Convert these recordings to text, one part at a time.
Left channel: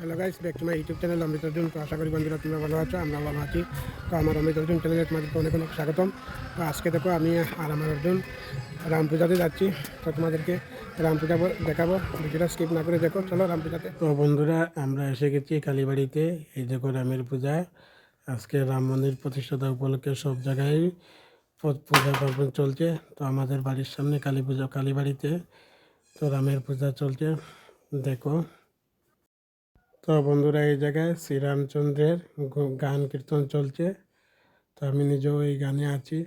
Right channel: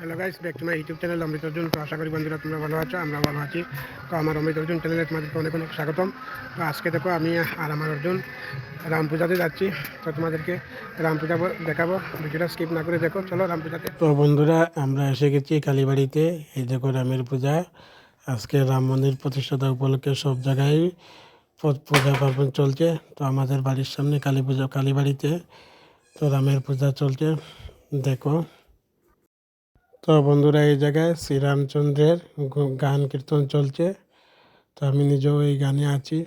Hello guys, back to my YouTube channel Amrit Arjun. তো আশা করি বন্ধুরা তোমরা ভালো আছো, আমরা ভালো আছি। তো আমার অমৃত অর্জুন চ্যানেলে তোমাদেরকে অনেক অনেক স্বাগতম। তো আজকে দেখো আমি আর আমার অর্জুন রাম পূজাতে যাচ্ছি। তো তোমাদেরকে রাম পূজা দেখাবো, ভিডিওটা স্কিপ না করে দেখো। চলো রাম পূজাতে। তো বন্ধুরা আমরা এসে গেছি কালীবাড়িতে। এই দেখো রামের পূজা। আজকে রাম মন্দির প্রতিষ্ঠাতা উপলক্ষে সব জায়গায় পূজা পার্বণ চলছে। তো আমাদের বাড়ির সামনে কালী পূজা, কালীবাড়িতে তো রামের পূজা চলছে, দেখো। তো বন্ধুরা এই জায়গায় শ্রীরামচন্দ্রের গান কীর্তন চলছে। তো আমি নিজেও এই গানে আছি।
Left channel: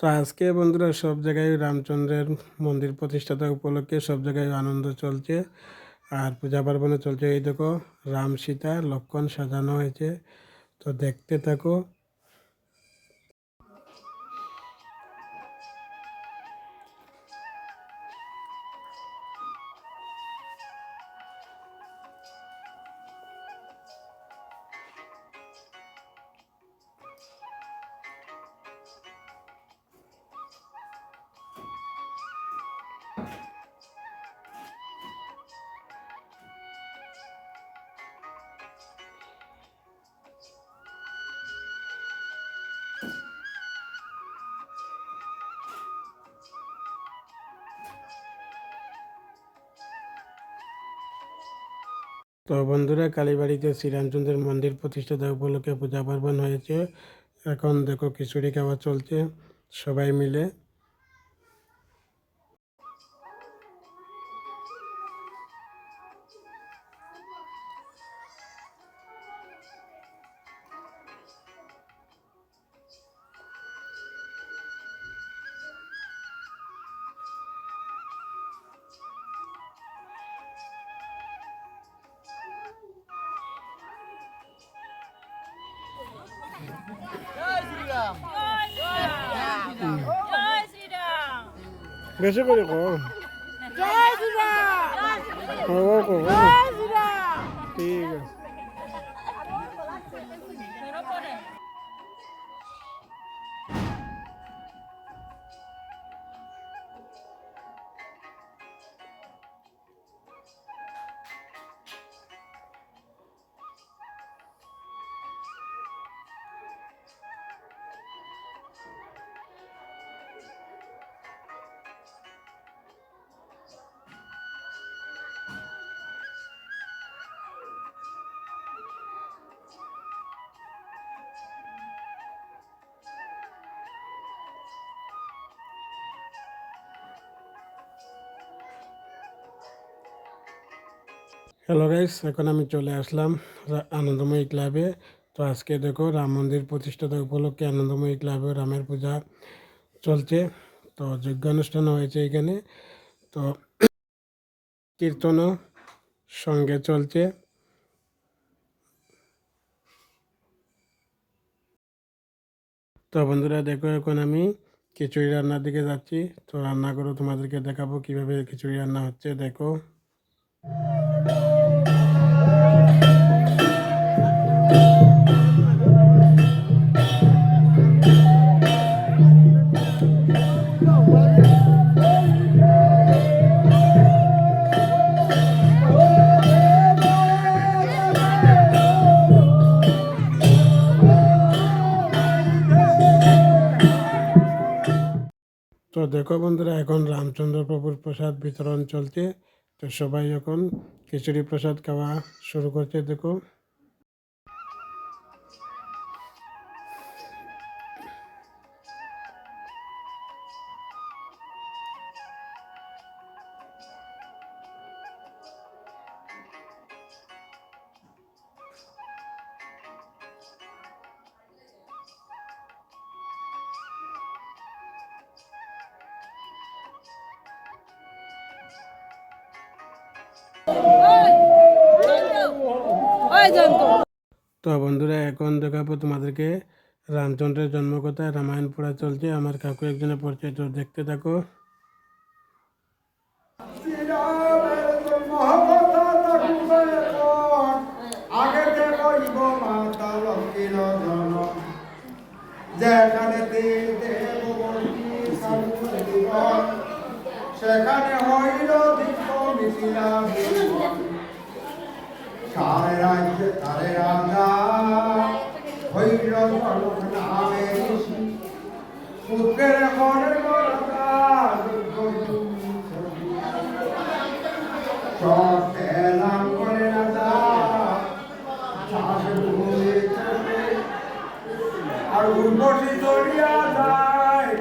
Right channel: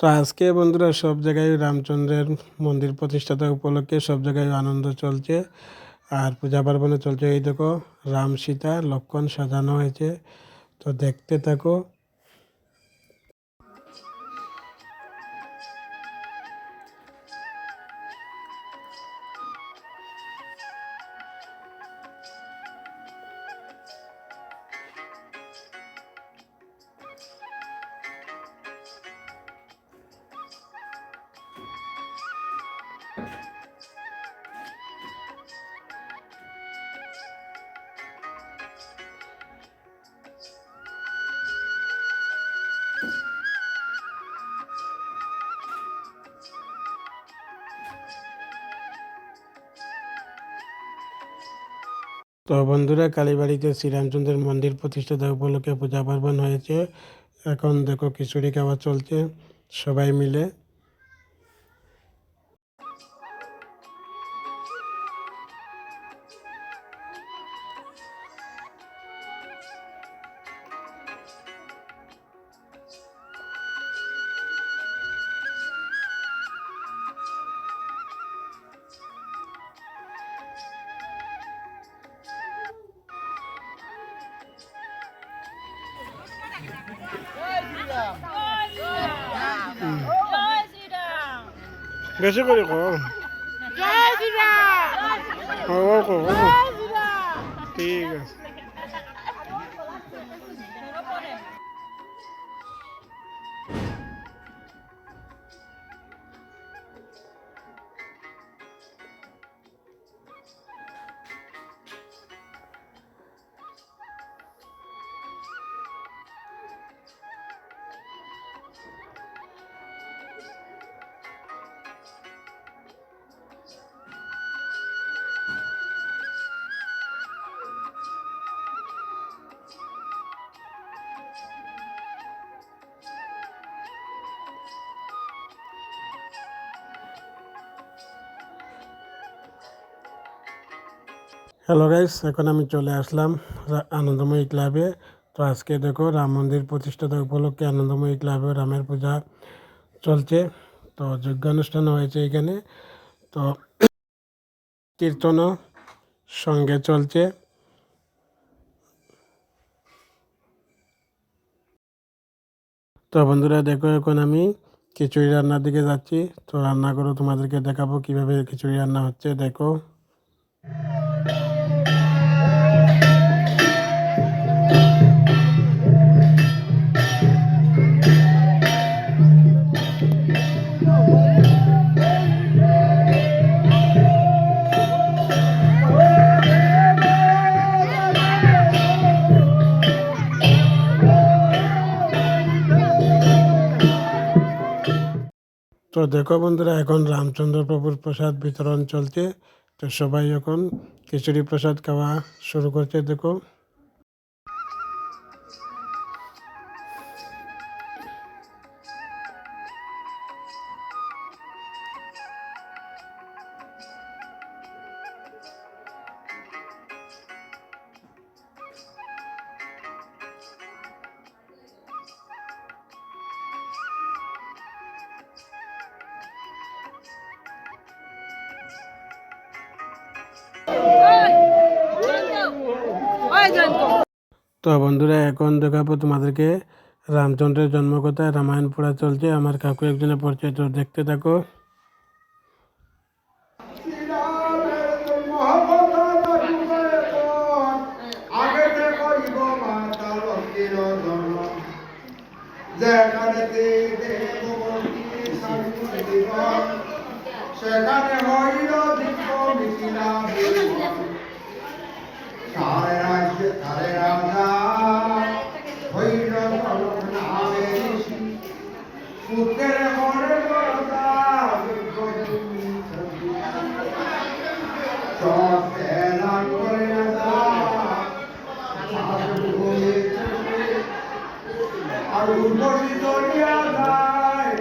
তো আজকে বন্ধুরা সব জায়গায় রামচন্দ্রের মন্দির প্রতিষ্ঠাতা উপলক্ষে সব জায়গায় আনন্দ চলছে আর পূজা পার্বণে চলছে। এই দেখো রাম সীতা লক্ষ্মণ সাজানো হয়েছে, তো দেখতে থাকো। তো বন্ধুরা কালীবাড়িতে শ্রীরামচন্দ্রের মন্দির প্রতিষ্ঠাতা উপলক্ষে পূজা পার্বণ হয়েছে। এখন দেখো খিচুড়ি খাওয়া চলছে সবাই মিলে। বেশি করে কম ঠিক আছে। হ্যালো গাইস, এখন আমি চলে আসলাম আনন্দময়ী ক্লাবে। তো আজকে দেখো রাম মন্দির প্রতিষ্ঠাতা উপলক্ষে আনন্দময়ী ক্লাবে রামের পূজা চলছে। তো যজ্ঞানুষ্ঠান হয়েছে এখানে, তো কীর্তনও সঙ্গে চলছে। তো বন্ধুরা দেখো এখন আমি খিচুড়ি রান্নার দিকে যাচ্ছি। তো রান্না করে তোমাদেরকে দেখাবো কিভাবে খিচুড়ি রান্না হচ্ছে। দেখো তো দেখো বন্ধুরা এখন রামচন্দ্র প্রভুর প্রসাদ বিতরণ চলছে। তো সবাই এখন খিচুড়ি প্রসাদ খাওয়া শুরু করছে। দেখো তো বন্ধুরা এখন দেখাবো তোমাদেরকে রামচন্দ্রের জন্মকথায় রামায়ণ পড়া চলছে। আমার কাকু একজনে পড়ছে, তো দেখতে থাকো। সেখানে হইল দীপ মিছিলা কারে রাজা হইল নামে ঋষি পুত্রের ঘরে সব এলাম করে রাজা আর উর্বশী চলিয়া যায়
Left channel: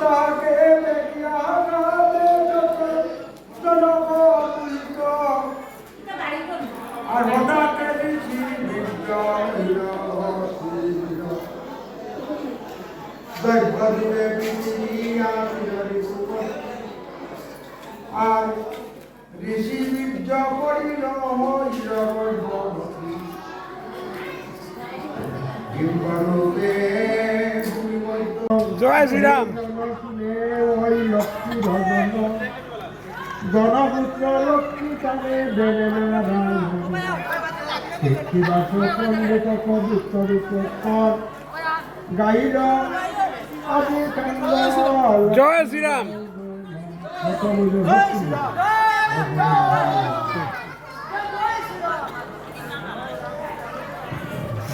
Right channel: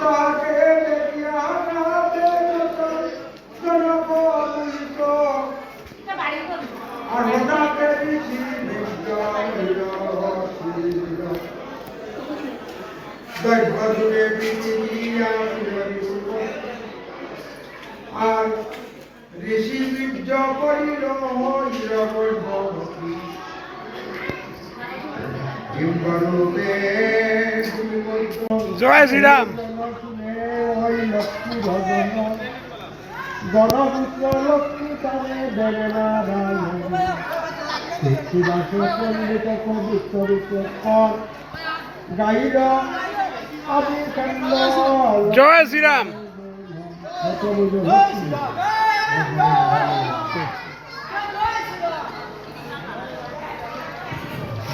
তাকে দেখিয়া আর হঠাৎ ঋষি বিষ্ণু হইল যুগে পৃথিবী আর ঋষি বীর্য করিল হিরণ্যবতী বিম্বরূপে জয় শ্রীরাম। ওই লক্ষ্মী ভজন গণপুত্র লক্ষ্মী তারে দেবে না শিবাস পণ্ডিত কবিত্তরিত কর গাইল আমি কান্দ জয় শ্রীরাম।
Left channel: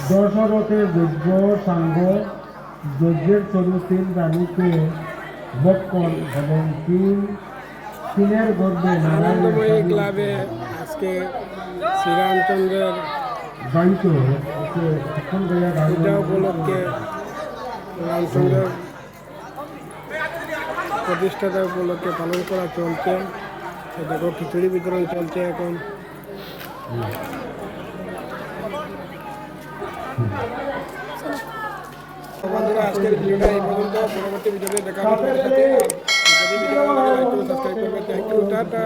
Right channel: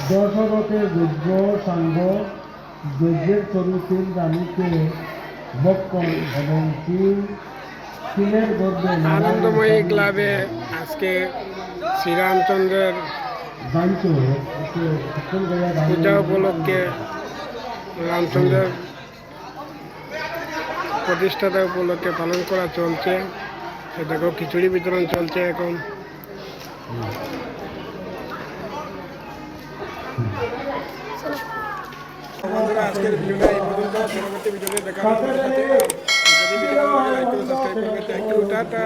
দশরথের যজ্ঞ সাঙ্গ যজ্ঞের চতুর্থীন রানীকে বক্ষণ এবং চীনের গর্বে আনন্দময়ী ক্লাবে আজকে শ্রীরামচন্দ্রের দায়িত্ব পূজা উপলক্ষে রামচন্দ্রের প্রতিষ্ঠাতা উপলক্ষে পালন করা চলছে। দেখো খিচুড়ি বিতরণ চলছে এখন। বন্ধুরা আজকের ভিডিওটা এই পর্যন্ত, পরবর্তী ভিডিওতে দেখা হবে তোমাদের সাথে। আর যদি ভিডিও ভালো লাগে লাইক করে সাবস্ক্রাইব করবে। Thank you, tata.